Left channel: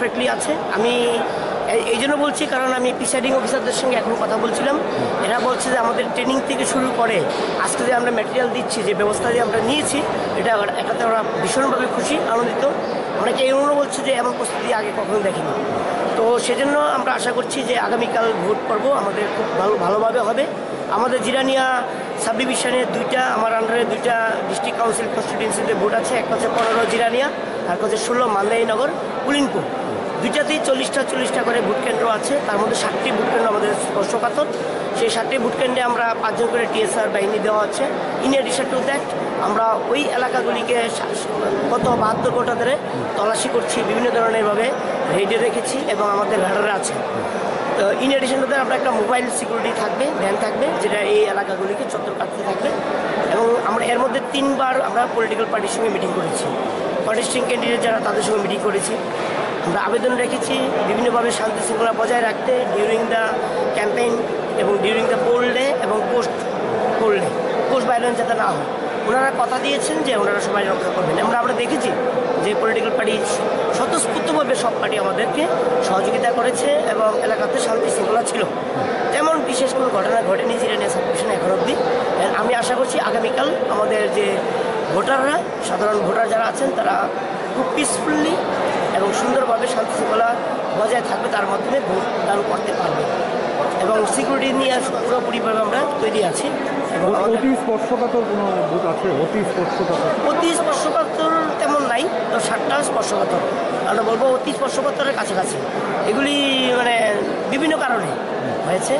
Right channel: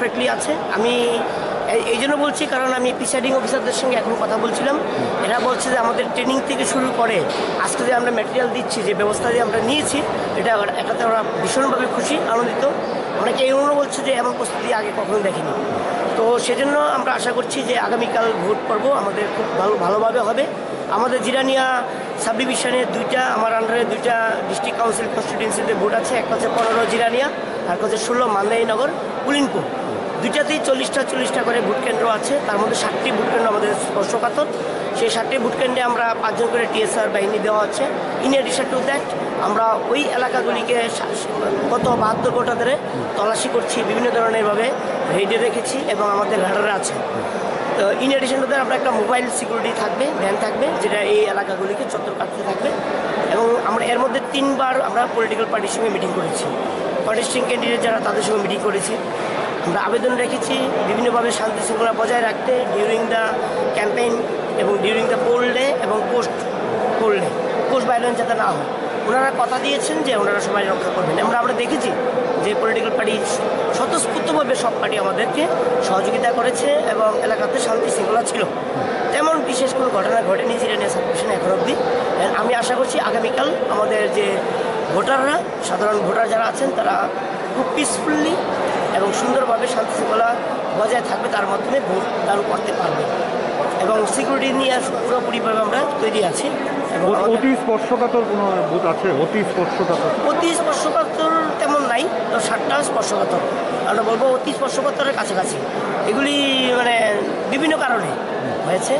Perfectly আছে। আমি এই জন্য বলছি কারণ আমি প্রিসাইডিং অফিসারদের সঙ্গে এখন কথা বলছিলাম। এরা বলছে যে আমাদের ট্রেনিং থেকে শুরু করে আজকে যে আমরা ম্যাটেরিয়াল দিচ্ছি, যে ব্যবস্থা যে আমরা নিয়েছি, এটাতে ওরা ভীষণভাবে খুশি, আনন্দিত। অনেকে এমনও বলছে যে এমন প্রস্তুতি আগে কখনো দেখিনি। তো সেজন্য আমরা আশা করছি যে আগামীকাল ভোট পর্ব আমাদের খুব ভালোভাবে হবে। আমাদের জিরানিয়া সাব ডিভিশনে আমার আন্ডারে 2টা ডিস্ট্রিক্ট কাউন্সিল কনস্টিটিউয়েন্সিতে ভোট আছে। একটা হচ্ছে 15 জিরানিয়া, আর হচ্ছে 16 মান্দাইনগর কুলিনপুর। 2টাতেই 40টা করে ভোট কেন্দ্র আছে। তার মধ্যে 7টি ভোট কেন্দ্র আমাদের স্পর্শকাতর। সেই 7টি ভোট কেন্দ্রে আমরা 5 জন করে টিএসআর বাহিনী দেওয়া আছে। ইন এডিশন টু দ্যাট আমরা ওই এলাকাগুলিকে গত 72 ঘন্টা ধরে তল্লাশি করছি, বিভিন্ন ধরনেরভাবে রেডি রেখেছি এবং আমাদের রাডারে আছে। তো ইন এডিশন টু দ্যাট আমরা একটা মোবাইল সিকিউরিটি থাকবে, ভ্যান থাকবে, যেটা এই এলাকাগুলিকে চত্বর কাটতে থাকবে। এবং আমরা এর মধ্যে 3বার আমরা পলিটিক্যাল পার্টির সঙ্গে মিটিং করেছি, কন্টেস্টিং ক্যান্ডিডেট যারা তাদের সঙ্গে মিটিং করেছি। আমরা আবেদন রেখেছি বিভিন্নভাবে শান্তি শৃঙ্খলা বজায় রাখতে ডিউরিং দ্য ক্যাম্পেইন এবং ডিউরিং দ্য পোল ডে এবং পোস্ট ভায়োলেন্স যাতে না হয়। ওনারা কথা দিয়েছেন যে ওনারা সবাই রক্ষা করবেন। আমরা দেখেছি যে পলিটিক্যাল পার্টি স্বতঃস্ফূর্তভাবে সব পার্টি আমাদেরকে সহযোগিতা করেছে এবং এলাকাতে শান্তি শৃঙ্খলা ছিল। তেমন বিশেষ কোনো ঘটনা ঘটেনি জিরানিয়া সাব ডিভিশনে এখন অবধি। আমি আশা করছি আগামীকাল আমাদের যে ভোটাররা, সাধারণ ভোটার যারা আছেন, তারা খুব পিসফুলি এবং সুন্দরভাবে শান্তি শৃঙ্খলা বজায় থাকবে, তার মাধ্যমে ভোট দান করতে পারবে। এবং সিকিউরিটি নিয়ে পুরোপুরিভাবে আমরা তৈরি আছি। এবং অতি স্পর্শকাতর কোনো ভোট আছে? অতি স্পর্শকাতর তেমন নাই, তো 7টা স্পর্শকাতর। আমরা বলবো অতি স্পর্শকাতরের কাছাকাছি। এগুলি মানে বিভিন্ন কারণে হয়েছে,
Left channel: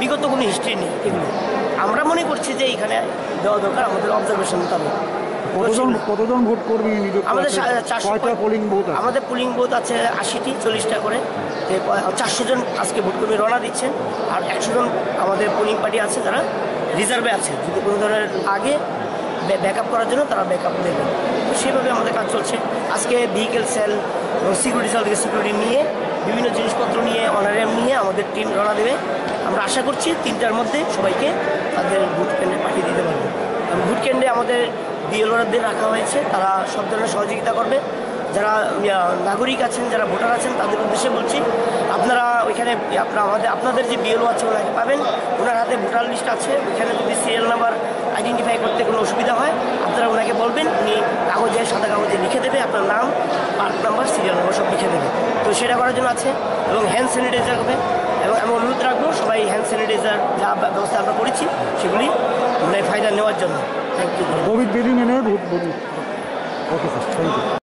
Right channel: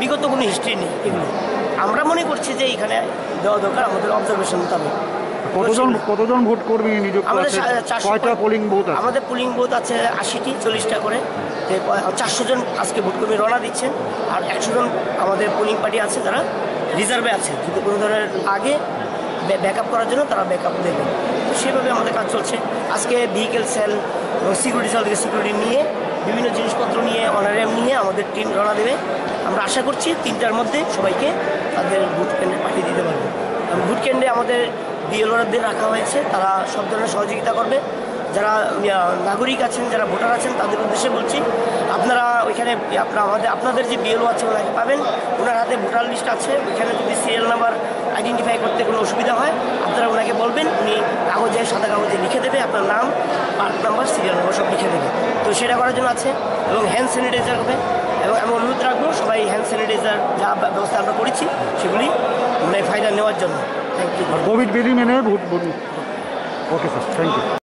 বিগত কোনো হিস্ট্রি নেই এগুলি। আমরা মনে করছি যে এইখানে দেওয়া দরকার আমাদের অবজারভেশন মোতাবেক। কতজন ভোট কর্মী নিযুক্ত? আমাদের পোলিং বুথ? আমাদের পোলিং বুথ আছে 80টি, 40টা করে। 400 জন আজকে ভোট কর্মী রওনা দিচ্ছেন, আর 100 জন আমাদের পোলিং পার্টি আছে যারা রিজার্ভে আছে, যদি কোনো ধরনের আগে ব্যাকআপ করার জন্য তারা ব্যাকআপ দেবে। তো সেভাবে আমাদের কাজ চলছে। আজকে ভেহিকেল সেল এবং সিকিউরিটি সেল থেকে সিকিউরিটি নিয়ে, বিভিন্ন জিনিসপত্র নিয়ে, অনারিয়াম নিয়ে আমাদের টিম রওনা দেবে। আমরা আশা করছি 3টার মধ্যে সবাইকে তাদের ভোট কেন্দ্রে পাঠিয়ে দিতে পারবে। ভোট কেন্দ্রে আমাদের বিএলওদের রাখা হয়েছে, তারা সব ধরনের সহযোগিতা করবে। যারা নাগরিক আছেন, যারা ভোটার আছেন, তাদের উদ্দেশ্যে বলছি, আপনারা ওইখানে আপনাদের যে বিএলও আছে ওনাকে পাবেন। ওনার হাতে ভোটার লিস্ট আছে, ওইখানে যদি সিরিয়াল নাম্বার আইডেন্টিফাই করতে কোনো অসুবিধা হয় আপনারা ওনাকে বলবেন, উনি সাদা কাগজে লিখে দেবে আপনার নাম, পার্ট নাম্বার, সিরিয়াল নাম্বার সব লিখে দেবে। তো সেটা করার জন্য আছে। এবং হ্যান্ড স্যানিটাইজার হবে, এবং আমি অনুরোধ রাখবো সবাই হ্যান্ড স্যানিটাইজার যা ব্যবস্থা আমরা করেছি সেগুলি ফায়দা নেওয়ার জন্য। Thank you. কোভিড বিধি মেনে ভোট। Okay sir, thank you.